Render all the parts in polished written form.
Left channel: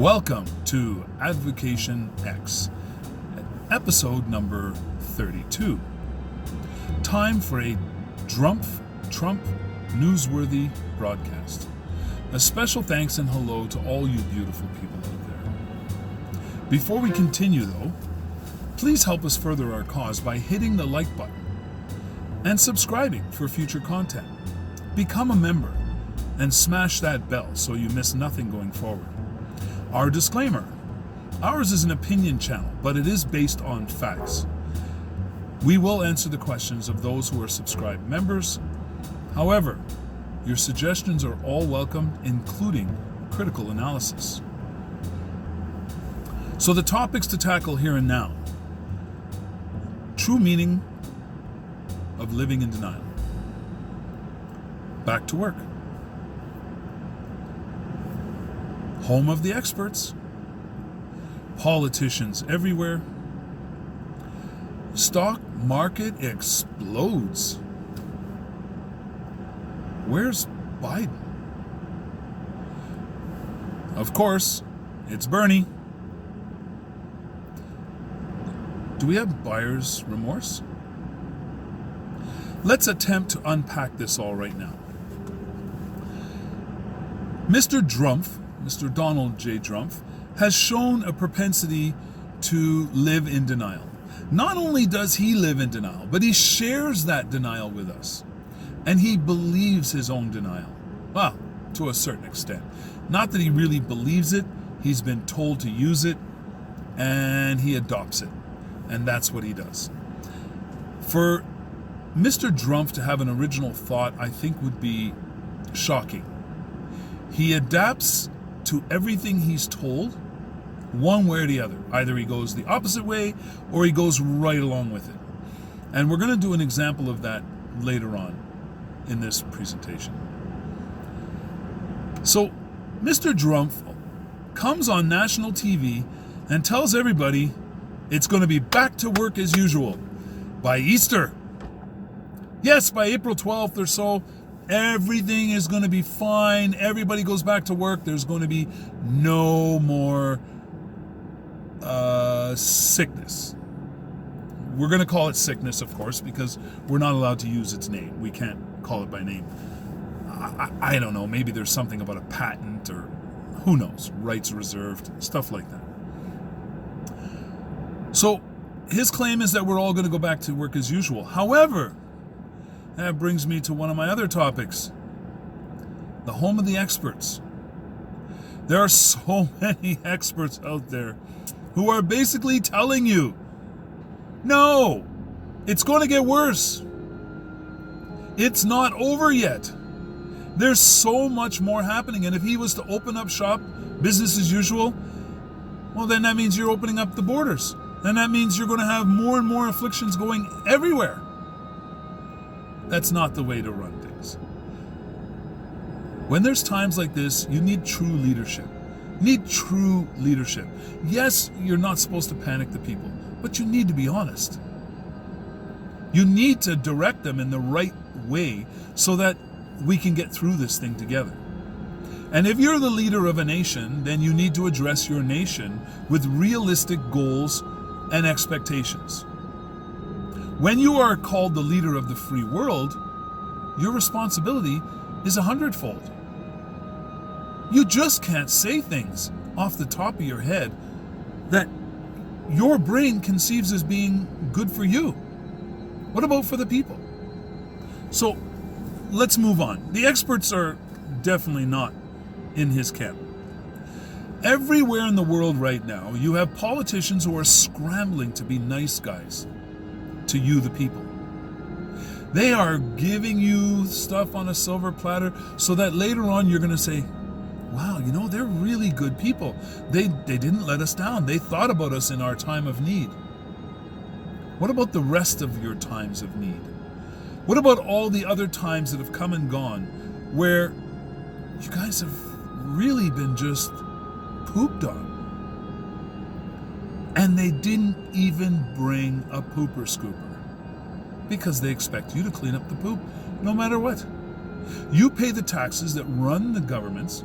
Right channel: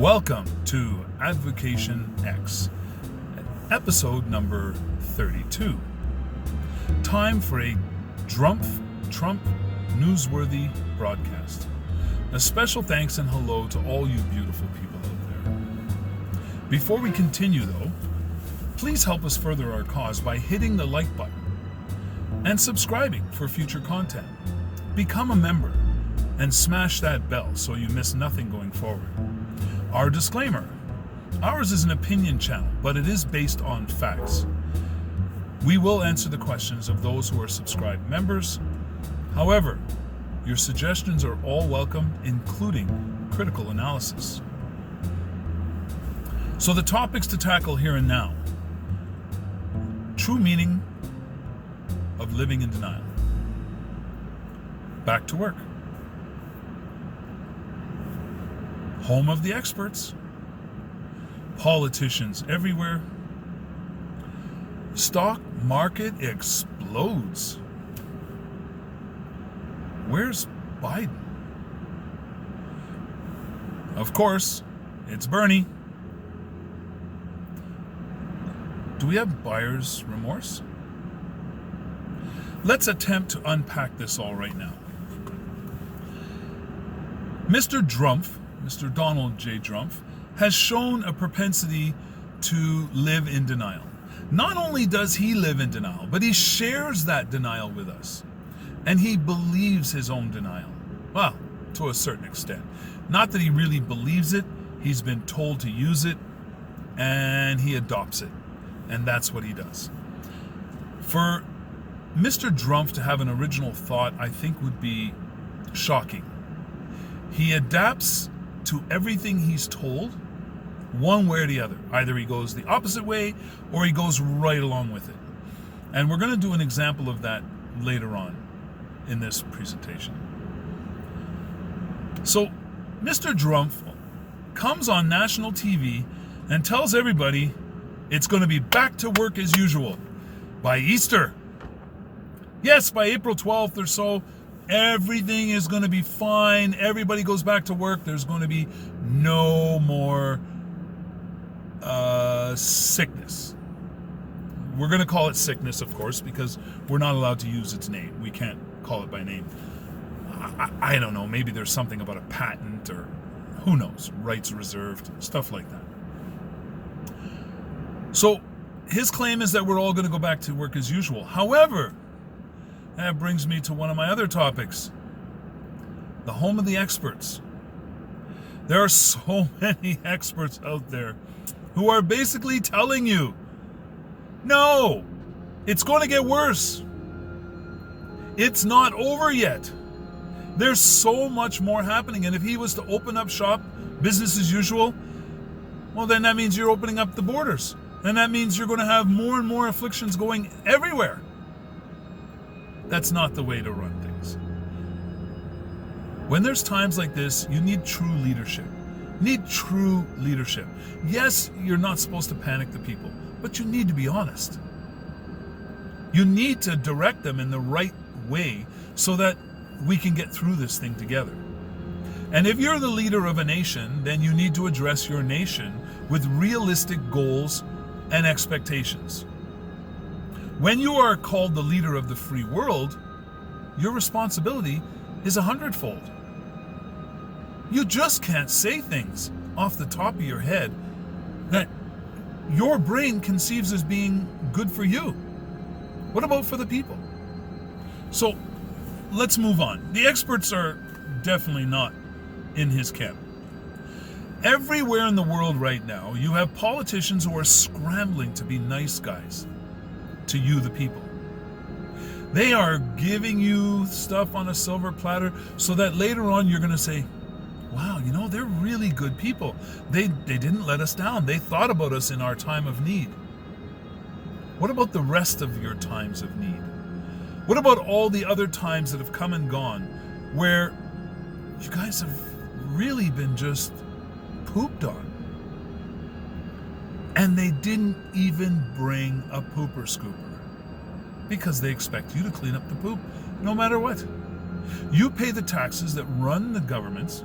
Welcome to Advocation X, episode number 32. Time for a Drumph Trumph newsworthy broadcast. A special thanks and hello to all you beautiful people out there. Before we continue though, please help us further our cause by hitting the like button and subscribing for future content. Become a member and smash that bell so you miss nothing going forward. Our disclaimer: ours is an opinion channel, but it is based on facts. We will answer the questions of those who are subscribed members. However, your suggestions are all welcome, including critical analysis. So the topics to tackle here and now: true meaning of living in denial. Back to work. Home of the experts. Politicians everywhere. Stock market explodes. Where's Biden? Of course, it's Bernie. Do we have buyer's remorse? Let's attempt to unpack this all right now. Mr. Drumph, Mr. Donald J. Drumph, has shown a propensity to live in denial. Not only does he live in denial, but he shares that denial with us. And he believes his own denial. Well, to a certain extent. Not that he really believes it, he's been told to use it, and he adopts it. And that's what he does. For Mr. Drumph to have an original thought, I think would be shocking. He adapts to everything he's told, one way or the other. Either he goes the opposite way, or he goes right along with it. And we're going to do an example of that later on in this presentation. So, Mr. Drumph comes on national TV and tells everybody it's going to be back to work as usual by Easter. Yes, by April 12th or so, everything is going to be fine. Everybody goes back to work. There's going to be no more sickness. We're going to call it sickness, of course, because we're not allowed to use its name. We can't call it by name. I don't know. Maybe there's something about a patent or who knows, rights reserved, stuff like that. So his claim is that we're all going to go back to work as usual. However, that brings me to one of my other topics, the home of the experts. There are so many experts out there who are basically telling you, no, it's going to get worse. It's not over yet. There's so much more happening. And if he was to open up shop, business as usual, well, then that means you're opening up the borders. And that means you're going to have more and more afflictions going everywhere. That's not the way to run things. When there's times like this, you need true leadership. Need true leadership. Yes, you're not supposed to panic the people, but you need to be honest. You need to direct them in the right way so that we can get through this thing together. And if you're the leader of a nation, then you need to address your nation with realistic goals and expectations. When you are called the leader of the free world, your responsibility is 100-fold. You just can't say things off the top of your head that your brain conceives as being good for you. What about for the people? So let's move on. The experts are definitely not in his camp. Everywhere in the world right now, you have politicians who are scrambling to be nice guys to you, the people. They are giving you stuff on a silver platter so that later on you're going to say, wow, you know, they're really good people. They didn't let us down. They thought about us in our time of need. What about the rest of your times of need? What about all the other times that have come and gone where you guys have really been just pooped on? And they didn't even bring a pooper scooper because they expect you to clean up the poop no matter what. You pay the taxes that run the governments.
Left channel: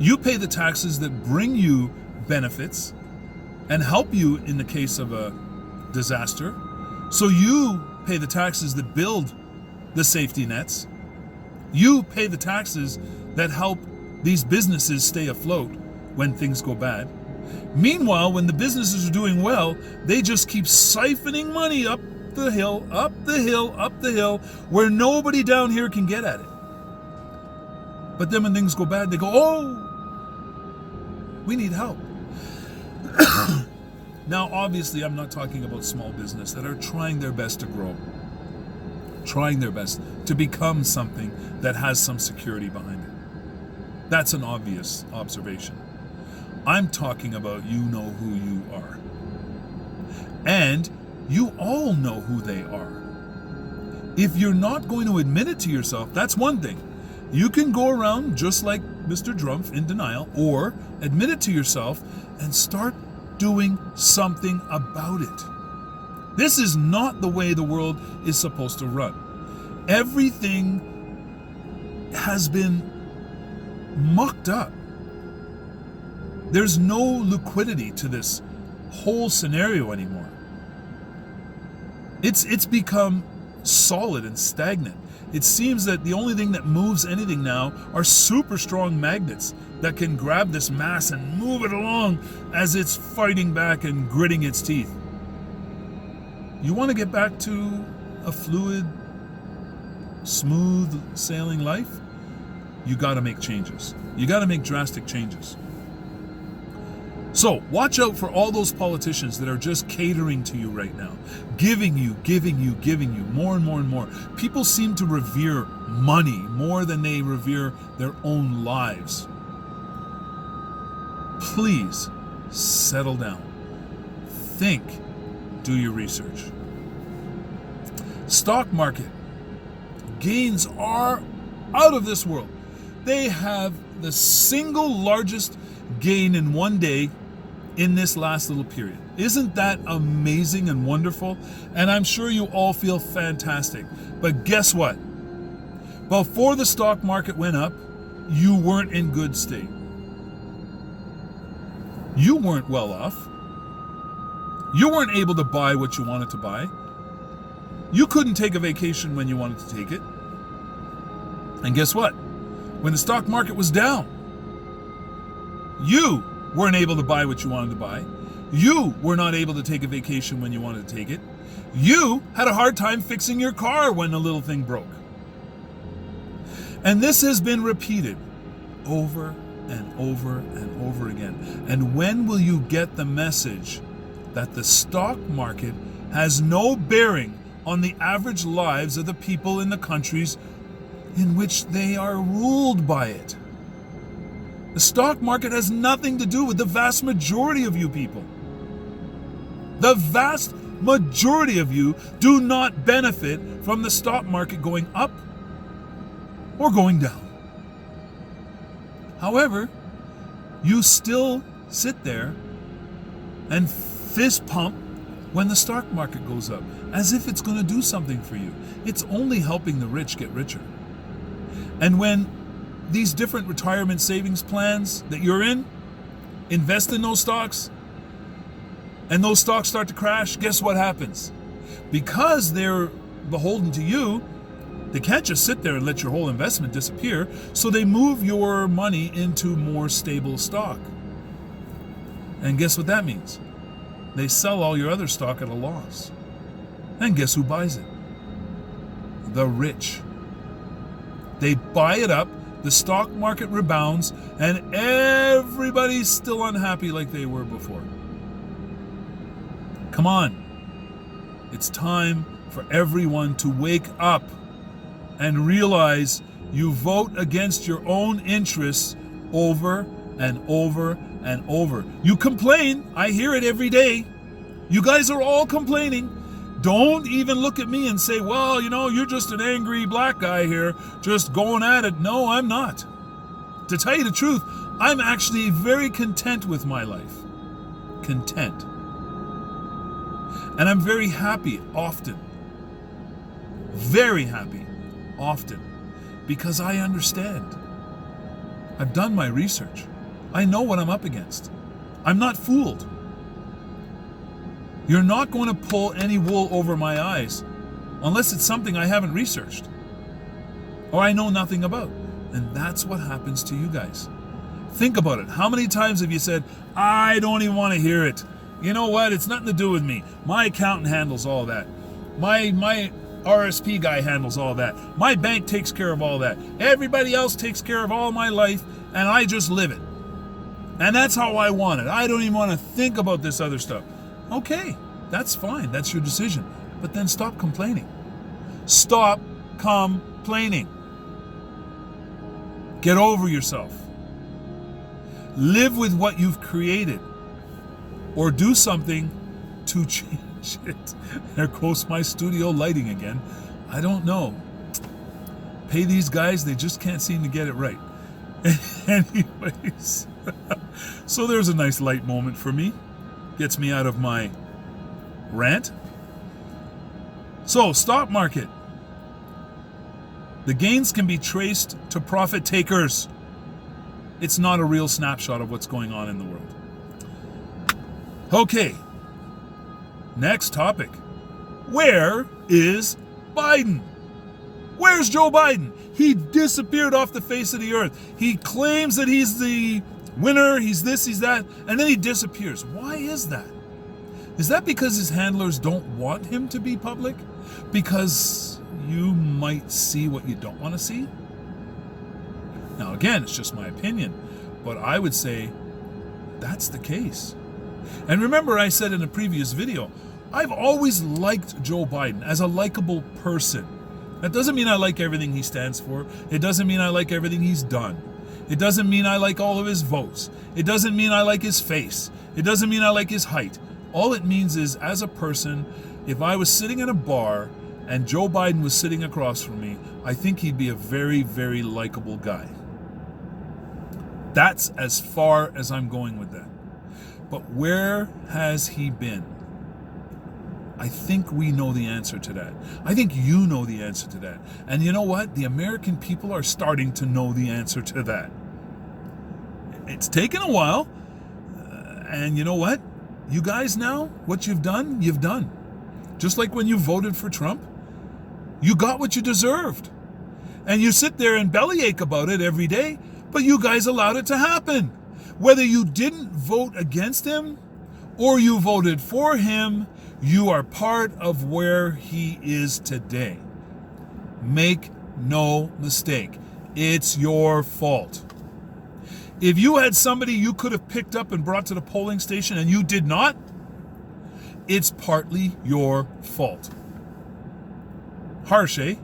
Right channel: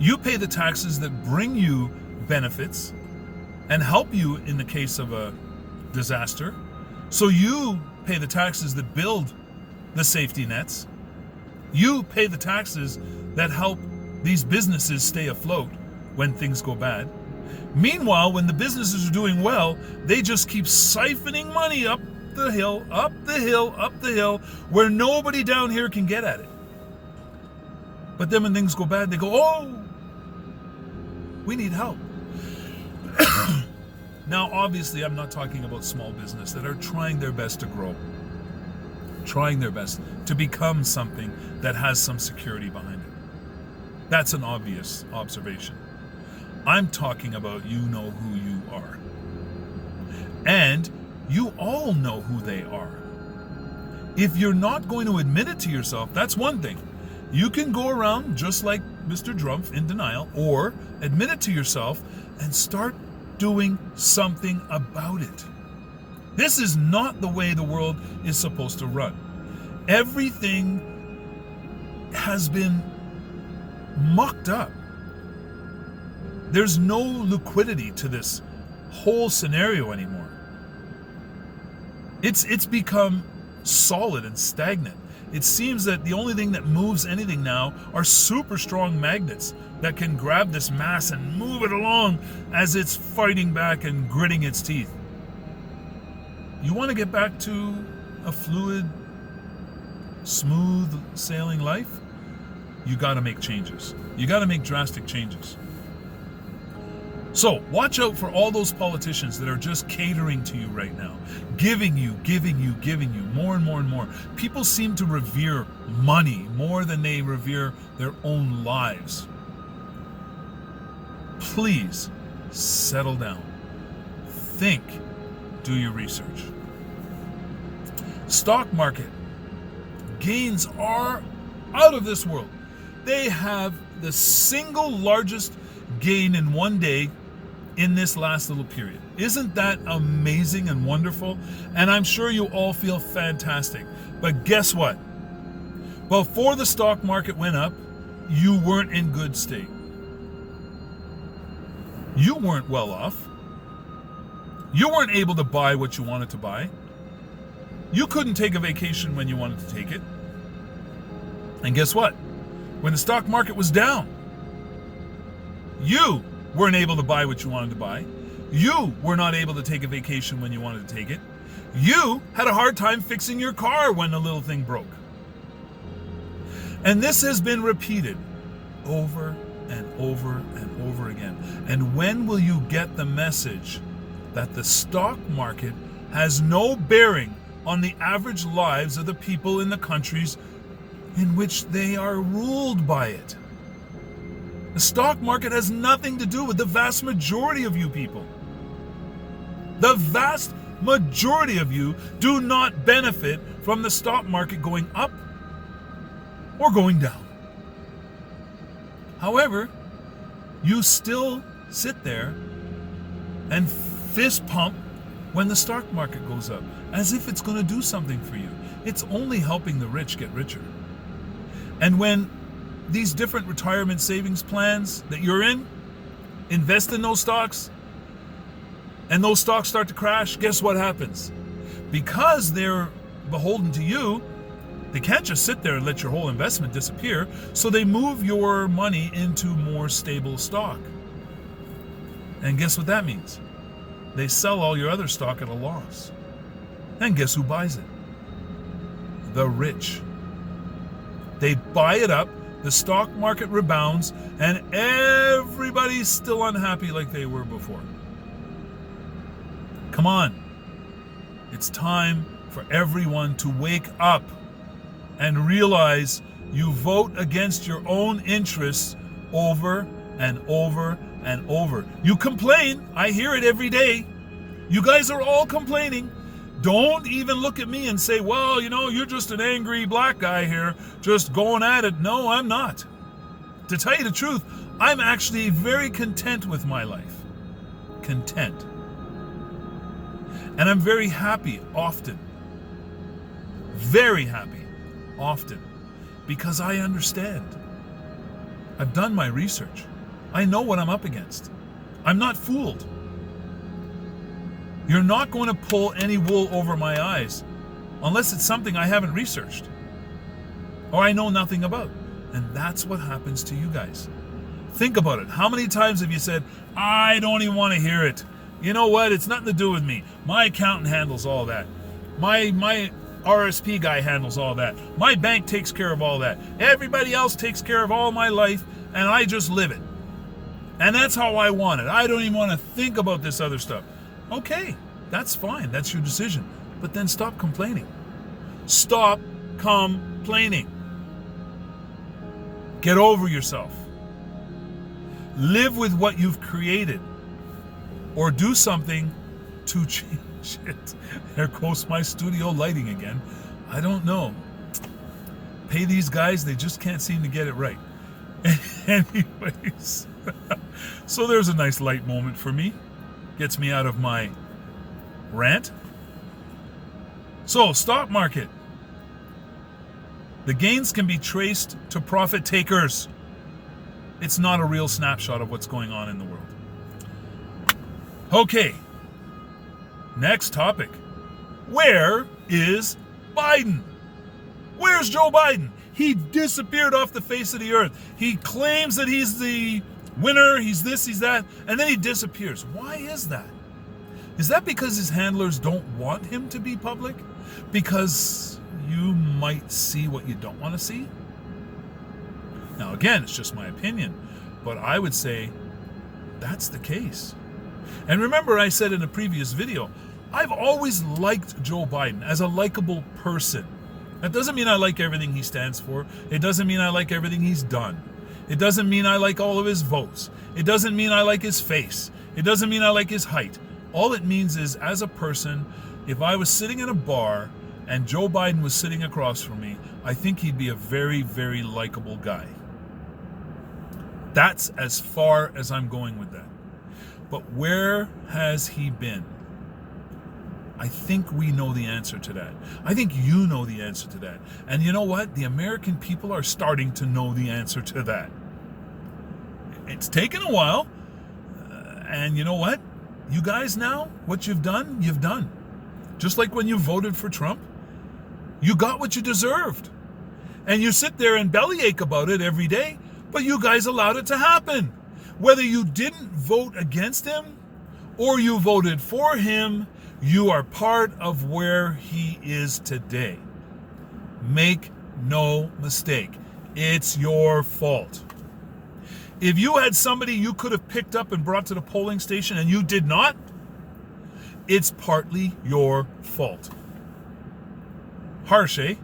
You pay the taxes that bring you benefits and help you in the case of a disaster. So you pay the taxes that build the safety nets. You pay the taxes that help these businesses stay afloat when things go bad. Meanwhile, when the businesses are doing well, they just keep siphoning money up the hill, up the hill, up the hill, where nobody down here can get at it. But then when things go bad, they go, oh, we need help. Now, obviously, I'm not talking about small business that are trying their best to grow, trying their best to become something that has some security behind it. That's an obvious observation. I'm talking about you know who you are. And you all know who they are. If you're not going to admit it to yourself, that's one thing. You can go around just like Mr. Drumph in denial, or admit it to yourself and start doing something about it. This is not the way the world is supposed to run. Everything has been mucked up. There's no liquidity to this whole scenario anymore. It's become solid and stagnant. It seems that the only thing that moves anything now are super strong magnets that can grab this mass and move it along as it's fighting back and gritting its teeth. You want to get back to a fluid, smooth sailing life? You got to make changes. You got to make drastic changes. So watch out for all those politicians that are just catering to you right now, giving you more and more and more. People seem to revere money more than they revere their own lives. Please settle down. Think. Do your research. Stock market gains are out of this world. They have the single largest gain in one day in this last little period. Isn't that amazing and wonderful? And I'm sure you all feel fantastic. But guess what? Before the stock market went up, you weren't in good state. You weren't well off. You weren't able to buy what you wanted to buy. You couldn't take a vacation when you wanted to take it. And guess what? When the stock market was down, you weren't able to buy what you wanted to buy. You were not able to take a vacation when you wanted to take it. You had a hard time fixing your car when the little thing broke. And this has been repeated over and over and over again. And when will you get the message that the stock market has no bearing on the average lives of the people in the countries in which they are ruled by it? The stock market has nothing to do with the vast majority of you people. The vast majority of you do not benefit from the stock market going up or going down. However, you still sit there and fist pump when the stock market goes up, as if it's going to do something for you. It's only helping the rich get richer. And when these different retirement savings plans that you're in, invest in those stocks, and those stocks start to crash, guess what happens? Because they're beholden to you, they can't just sit there and let your whole investment disappear, so they move your money into more stable stock. And guess what that means? They sell all your other stock at a loss. And guess who buys it? The rich. They buy it up, the stock market rebounds, and everybody's still unhappy like they were before. Come on. It's time for everyone to wake up and realize you vote against your own interests over and over and over. You complain. I hear it every day. You guys are all complaining. Don't even look at me and say, well, you're just an angry black guy here, just going at it. No, I'm not. To tell you the truth, I'm actually very content with my life. Content. And I'm very happy often. Very happy often. Because I understand. I've done my research. I know what I'm up against. I'm not fooled. You're not going to pull any wool over my eyes unless it's something I haven't researched or I know nothing about. And that's what happens to you guys. Think about it. How many times have you said, I don't even want to hear it. You know what? It's nothing to do with me. My accountant handles all that. My RSP guy handles all that. My bank takes care of all that. Everybody else takes care of all my life, and I just live it. And that's how I want it. I don't even want to think about this other stuff. Okay, that's fine. That's your decision. But then stop complaining. Stop complaining. Get over yourself. Live with what you've created. Or do something to change it. There goes my studio lighting again. I don't know. Pay these guys, they just can't seem to get it right. Anyways, so there's a nice light moment for me. Gets me out of my rant. So, stock market. The gains can be traced to profit takers. It's not a real snapshot of what's going on in the world. Okay, next topic. Where is Biden? Where's Joe Biden? He disappeared off the face of the earth. He claims that he's the winner, he's this, he's that, and then he disappears. Why is that? Is that because his handlers don't want him to be public? Because you might see what you don't want to see? Now again, it's just my opinion, but I would say that's the case. And remember, I said in a previous video, I've always liked Joe Biden as a likable person. That doesn't mean I like everything he stands for. It doesn't mean I like everything he's done. It doesn't mean I like all of his votes. It doesn't mean I like his face. It doesn't mean I like his height. All it means is, as a person, if I was sitting in a bar and Joe Biden was sitting across from me, I think he'd be a very, very likable guy. That's as far as I'm going with that. But where has he been? I think we know the answer to that. I think you know the answer to that. And you know what? The American people are starting to know the answer to that. It's taken a while. And you know what? You guys now, what you've done, you've done. Just like when you voted for Trump, you got what you deserved. And you sit there and bellyache about it every day, but you guys allowed it to happen. Whether you didn't vote against him or you voted for him, you are part of where he is today. Make no mistake. It's your fault. If you had somebody you could have picked up and brought to the polling station and you did not, it's partly your fault. Harsh, eh?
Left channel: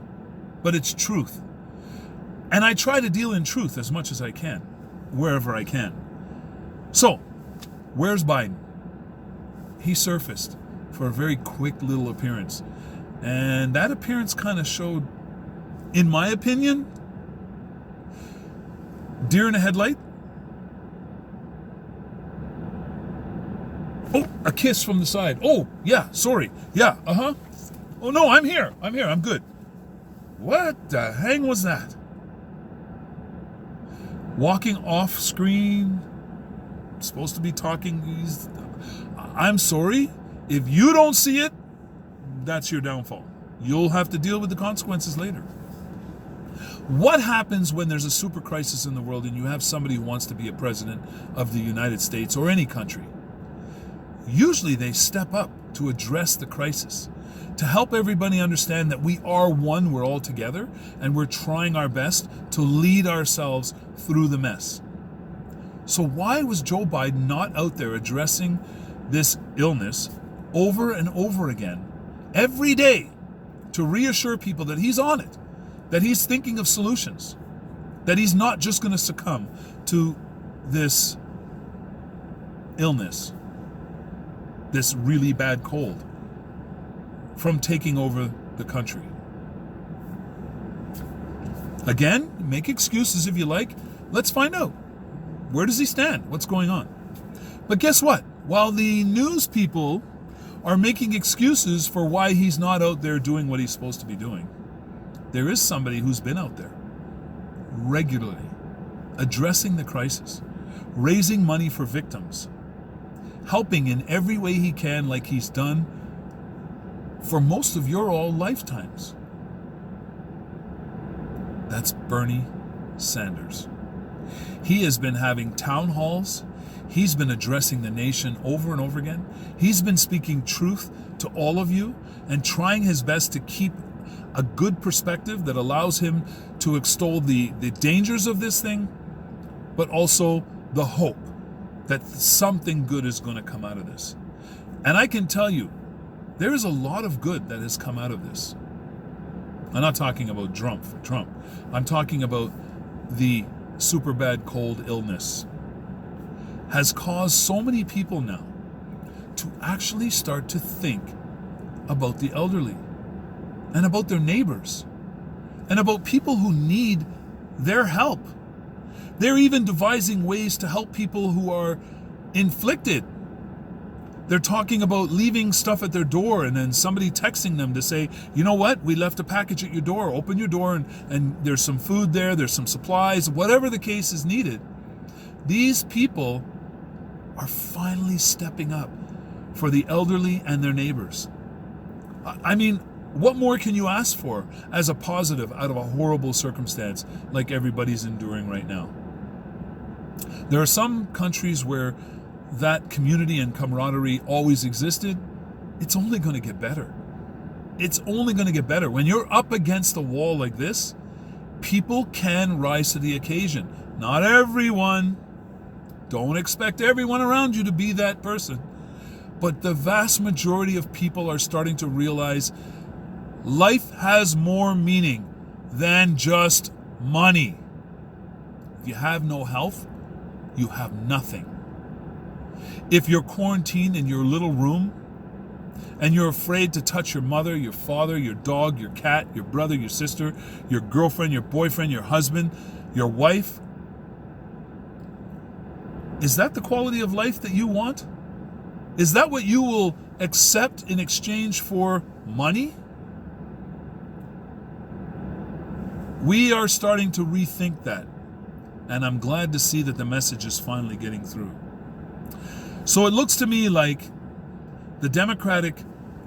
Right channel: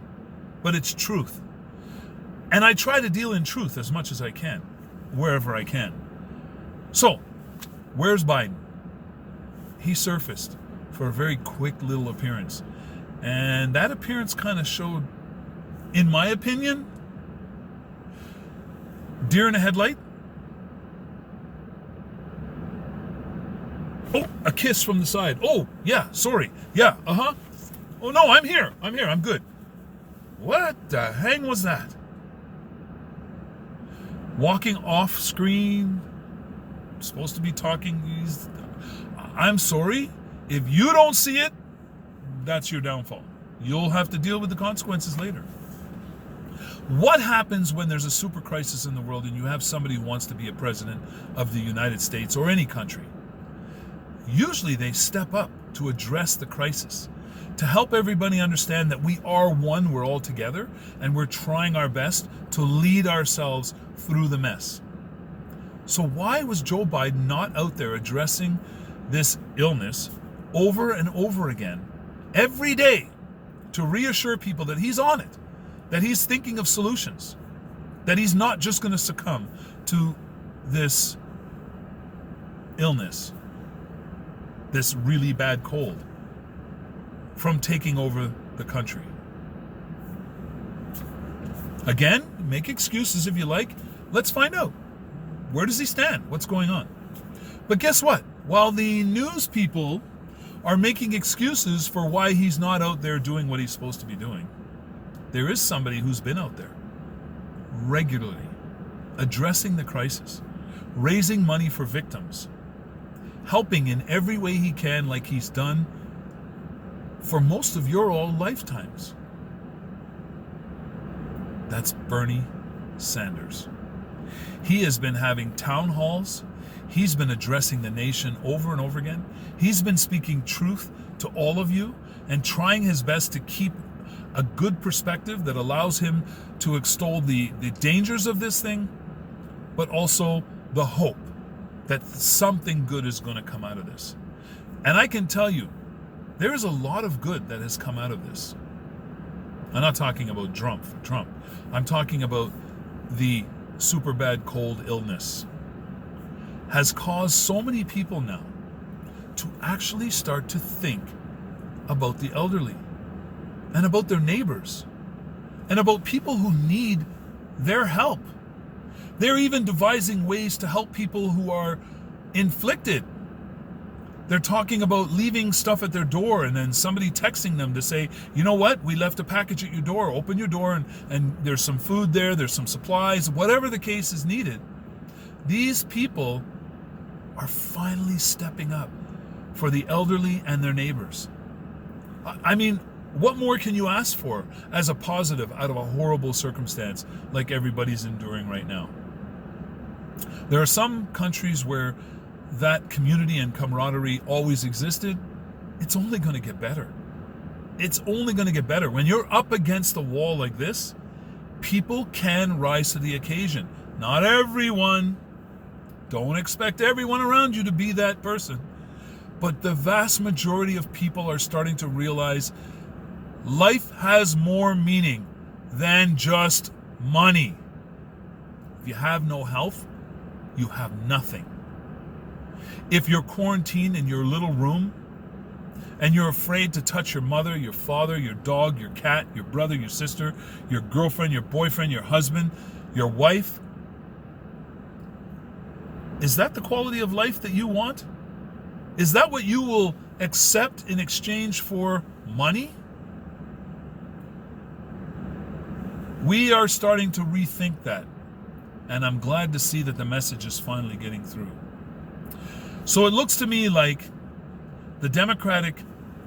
But it's truth. And I try to deal in truth as much as I can, wherever I can. So, where's Biden? He surfaced for a very quick little appearance. And that appearance kind of showed, in my opinion, deer in a headlight. Oh, a kiss from the side. Oh, yeah, sorry. Yeah, uh-huh. Oh, no, I'm here. I'm good. What the hang was that? Walking off screen. Supposed to be talking. I'm sorry. If you don't see it, that's your downfall. You'll have to deal with the consequences later. What happens when there's a super crisis in the world and you have somebody who wants to be a president of the United States or any country? Usually they step up to address the crisis, to help everybody understand that we are one, we're all together, and we're trying our best to lead ourselves through the mess. So why was Joe Biden not out there addressing this illness over and over again, every day, to reassure people that he's on it, that he's thinking of solutions, that he's not just going to succumb to this illness, this really bad cold, from taking over the country? Again, make excuses if you like. Let's find out. Where does he stand? What's going on? But guess what? While the news people are making excuses for why he's not out there doing what he's supposed to be doing, there is somebody who's been out there regularly, addressing the crisis, raising money for victims, helping in every way he can like he's done for most of your all lifetimes. That's Bernie Sanders. He has been having town halls. He's been addressing the nation over and over again. He's been speaking truth to all of you and trying his best to keep a good perspective that allows him to extol the dangers of this thing, but also the hope that something good is going to come out of this. And I can tell you, there is a lot of good that has come out of this. I'm not talking about Drumph Trumph. I'm talking about the super bad cold illness has caused so many people now to actually start to think about the elderly and about their neighbors and about people who need their help. They're even devising ways to help people who are inflicted. They're talking about leaving stuff at their door and then somebody texting them to say, you know what, we left a package at your door, open your door and there's some food there, there's some supplies, whatever the case is needed. These people are finally stepping up for the elderly and their neighbors. I mean, what more can you ask for as a positive out of a horrible circumstance like everybody's enduring right now? There are some countries where that community and camaraderie always existed. It's only going to get better. It's only going to get better. When you're up against a wall like this, people can rise to the occasion. Not everyone. Don't expect everyone around you to be that person. But the vast majority of people are starting to realize life has more meaning than just money. If you have no health, you have nothing. If you're quarantined in your little room and you're afraid to touch your mother, your father, your dog, your cat, your brother, your sister, your girlfriend, your boyfriend, your husband, your wife, is that the quality of life that you want? Is that what you will accept in exchange for money? We are starting to rethink that, and I'm glad to see that the message is finally getting through. So it looks to me like the Democratic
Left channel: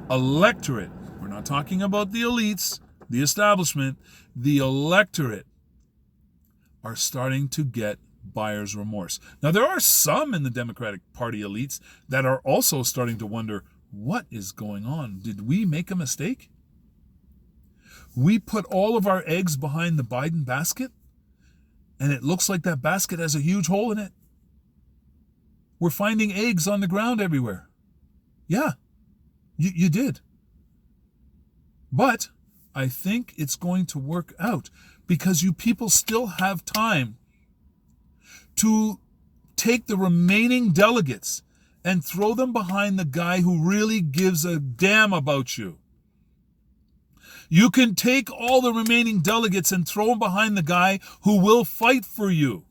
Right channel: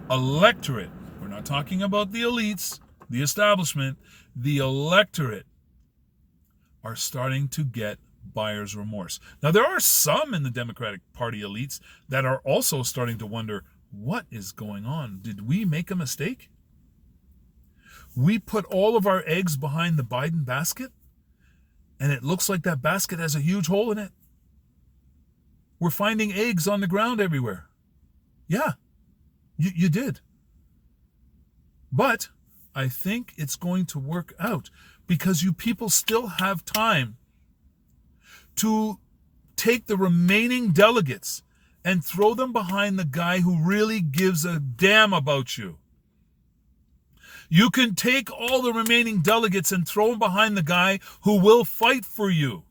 electorate, we're not talking about the elites, the establishment, the electorate are starting to get buyer's remorse. Now, there are some in the Democratic Party elites that are also starting to wonder, what is going on? Did we make a mistake? We put all of our eggs behind the Biden basket, and it looks like that basket has a huge hole in it. We're finding eggs on the ground everywhere. Yeah, you did. But I think it's going to work out because you people still have time to take the remaining delegates and throw them behind the guy who really gives a damn about you. You can take all the remaining delegates and throw them behind the guy who will fight for you.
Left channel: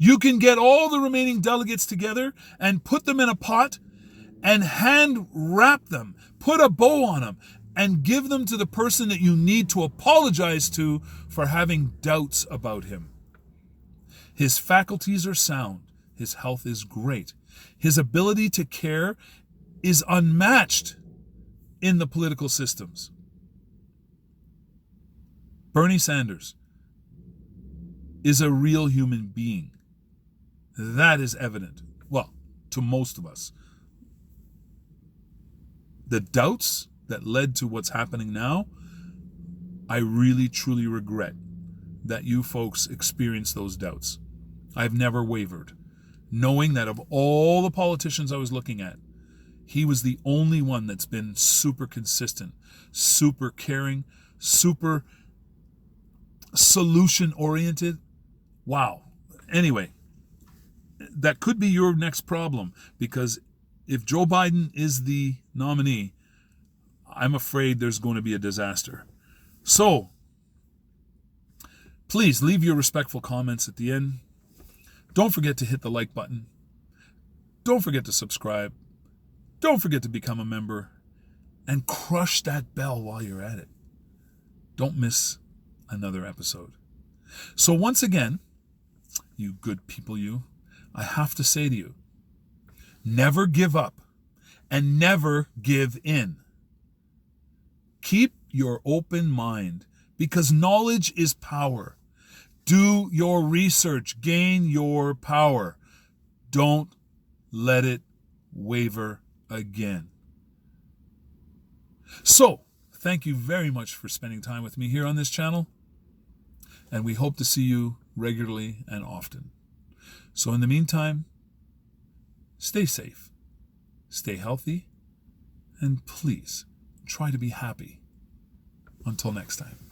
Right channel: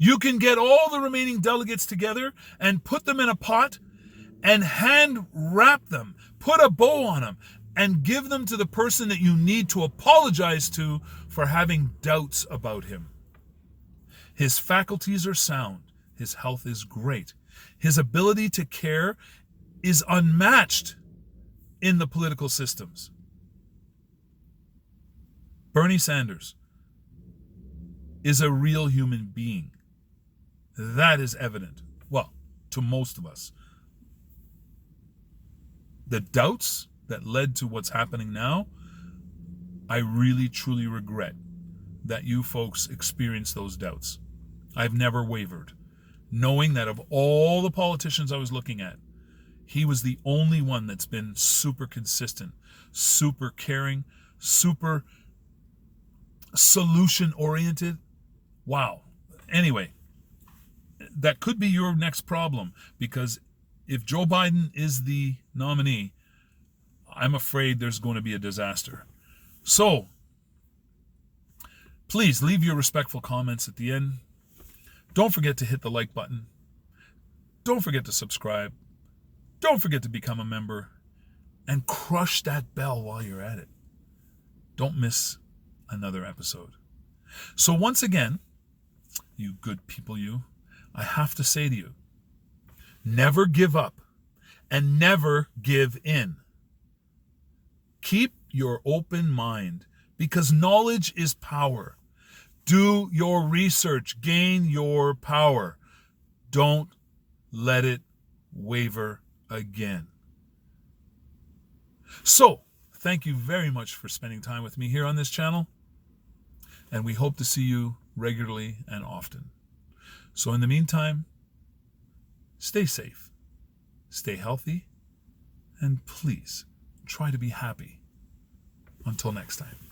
You can get all the remaining delegates together and put them in a pot and hand wrap them, put a bow on them, and give them to the person that you need to apologize to for having doubts about him. His faculties are sound. His health is great. His ability to care is unmatched in the political systems. Bernie Sanders is a real human being. That is evident. Well, to most of us. The doubts that led to what's happening now, I really, truly regret that you folks experienced those doubts. I've never wavered, knowing that of all the politicians I was looking at, he was the only one that's been super consistent, super caring, super solution-oriented. Wow. Anyway, that could be your next problem, because if Joe Biden is the nominee, I'm afraid there's going to be a disaster. So, please leave your respectful comments at the end. Don't forget to hit the like button. Don't forget to subscribe. Don't forget to become a member. And crush that bell while you're at it. Don't miss another episode. So once again, you good people, I have to say to you, never give up and never give in. Keep your open mind, because knowledge is power. Do your research, gain your power. Don't let it waver again. So, thank you very much for spending time with me here on this channel, and we hope to see you regularly and often. So in the meantime, stay safe, stay healthy, and please try to be happy. Until next time.